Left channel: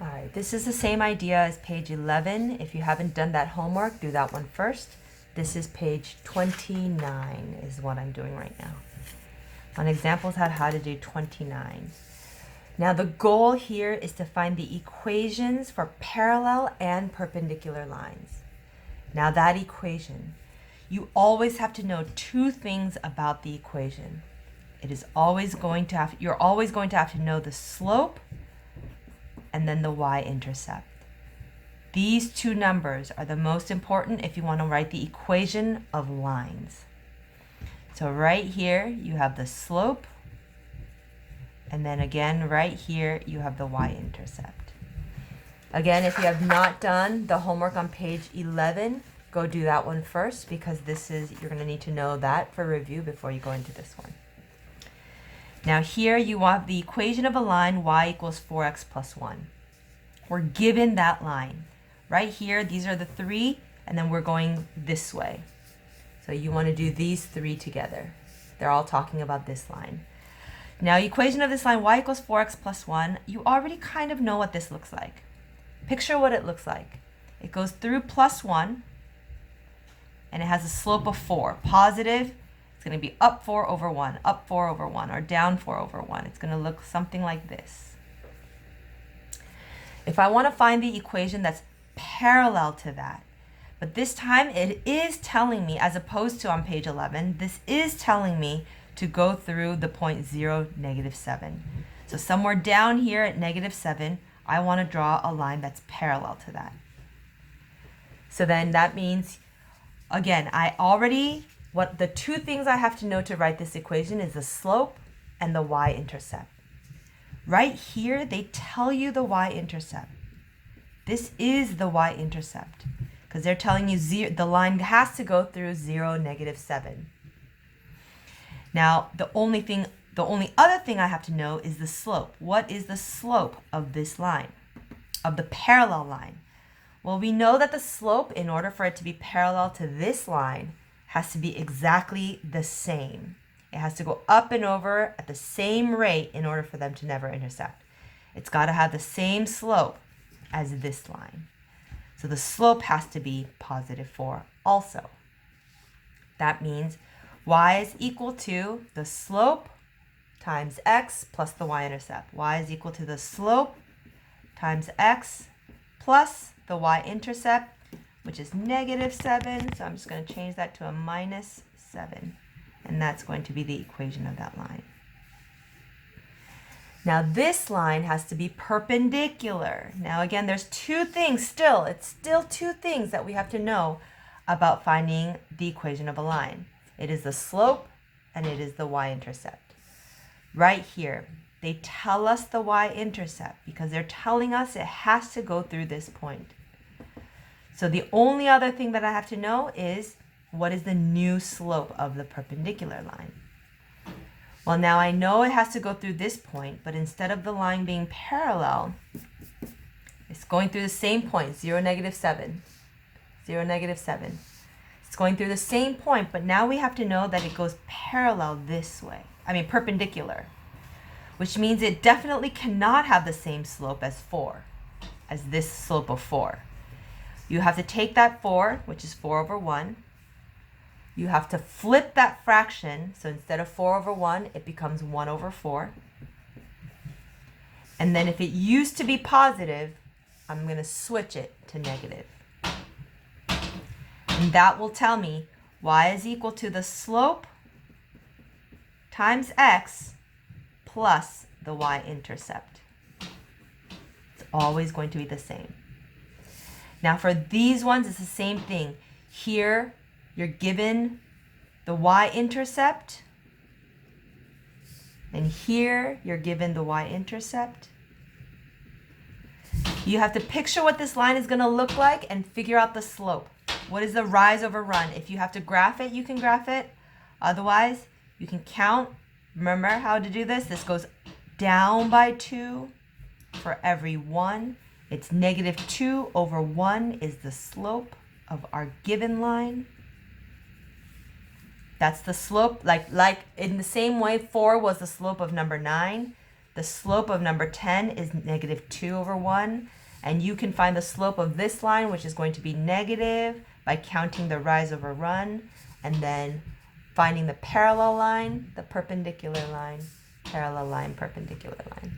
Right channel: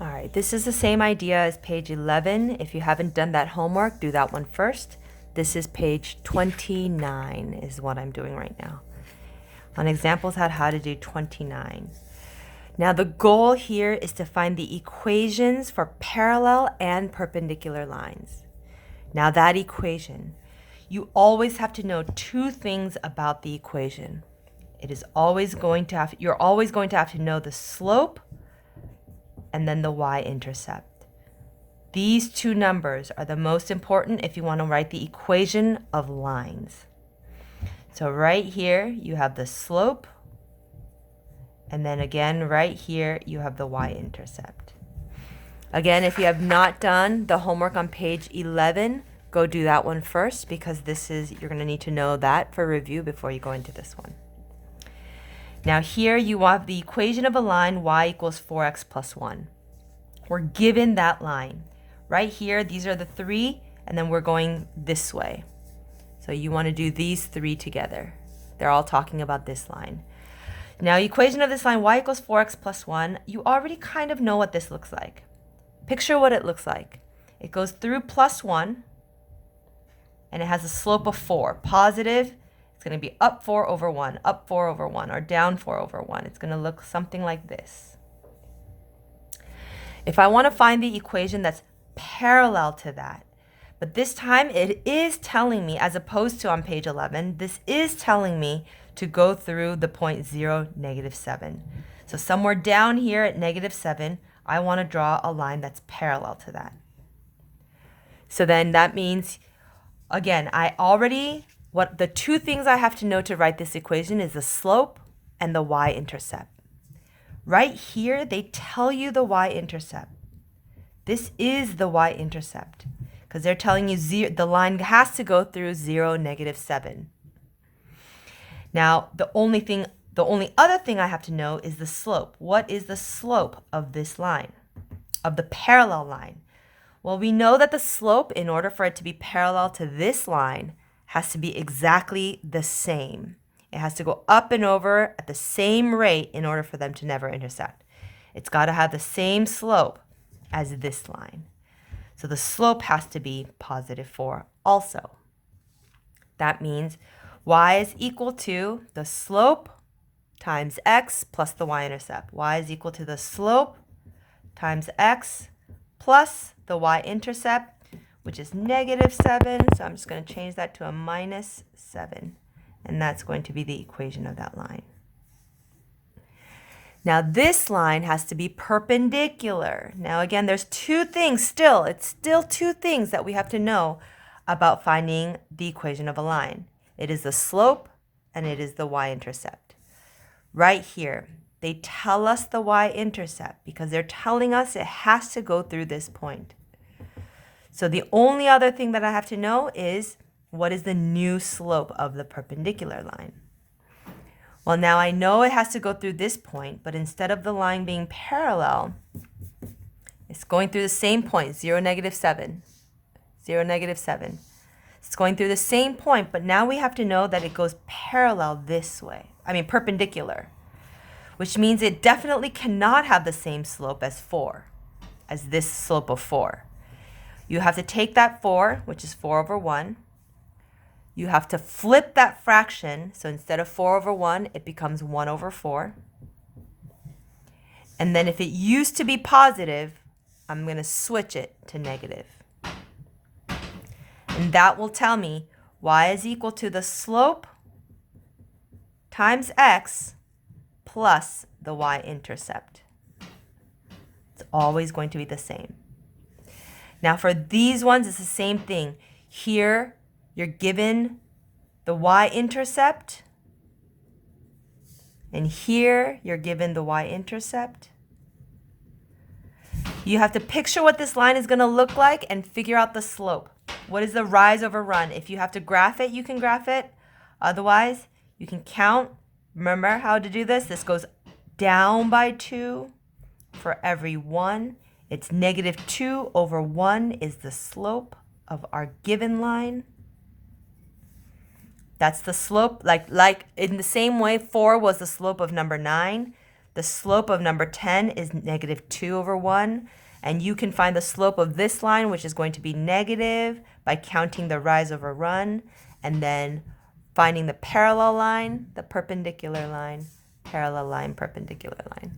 All right, this is the same idea as page 11. If you haven't done that homework, do that one first. This is page 29 is what I'm doing right now. On examples on how to do 29. Now the goal here is to find the equations for parallel and perpendicular lines. Now that equation, you always have to know two things about the equation. You're always going to have to know the slope and then the y-intercept. These two numbers are the most important if you want to write the equation of lines. So right here you have the slope, and then again right here you have the y-intercept. Again, if you have not done the homework on page 11, go do that one first, because you're going to need to know that for review before you go into this one. Now here you have the equation of a line y equals 4x plus 1. We're given that line. Right here, these are the three, and then we're going this way. So you want to do these three together. They're all talking about this line. Now, equation of this line, y equals 4x plus 1, you already kind of know what this looks like. Picture what it looks like. It goes through plus 1, and it has a slope of 4. Positive, it's going to be up 4 over 1, up 4 over 1, or down 4 over 1. It's going to look something like this. If I want to find the equation that's parallel to that, but this time it is telling me, as opposed to on page 11, this is telling me to go through the point 0, -7. So somewhere down here at -7, I want to draw a line that's parallel to that. So then that means, again, the two things I have to know to write this equation is the slope and the y-intercept. Right here, they tell you the y-intercept. This is the y-intercept, because they're telling you the line has to go through 0, -7. Now, the only other thing I have to know is the slope. What is the slope of this line, of the parallel line? Well, we know that the slope, in order for it to be parallel to this line, has to be exactly the same. It has to go up and over at the same rate in order for them to never intersect. It's got to have the same slope as this line. So the slope has to be +4 also. That means y is equal to the slope times x plus the y-intercept. Y is equal to the slope times x plus the y-intercept, which is -7. So I'm just going to change that to a -7. And that's going to be the equation of that line. Now this line has to be perpendicular. Now again, there's two things still. It's still two things that we have to know about finding the equation of a line. It is the slope and it is the y-intercept. Right here, they tell us the y-intercept because they're telling us it has to go through this point. So the only other thing that I have to know is, what is the new slope of the perpendicular line? Well, now I know it has to go through this point, but instead of the line being parallel, it's going through the same point, 0, -7. 0, -7. It's going through the same point, but now we have to know that it goes perpendicular, which means it definitely cannot have the same slope as this slope of 4. You have to take that 4, which is 4 over 1. You have to flip that fraction. So instead of 4 over 1, it becomes 1 over 4. And then if it used to be positive, I'm going to switch it to negative. And that will tell me y is equal to the slope times x plus the y-intercept. It's always going to be the same. Now for these ones, it's the same thing. Here, you're given the y-intercept, and here you're given the y-intercept. You have to picture what this line is going to look like and figure out the slope. What is the rise over run? If you have to graph it, you can graph it. Otherwise, you can count. Remember how to do this? This goes down by 2 for every 1. It's -2 over 1 is the slope of our given line. That's the slope, like in the same way 4 was the slope of number 9. The slope of number 10 is negative 2 over 1. And you can find the slope of this line, which is going to be negative, by counting the rise over run, and then finding the parallel line, the perpendicular line, parallel line, perpendicular line.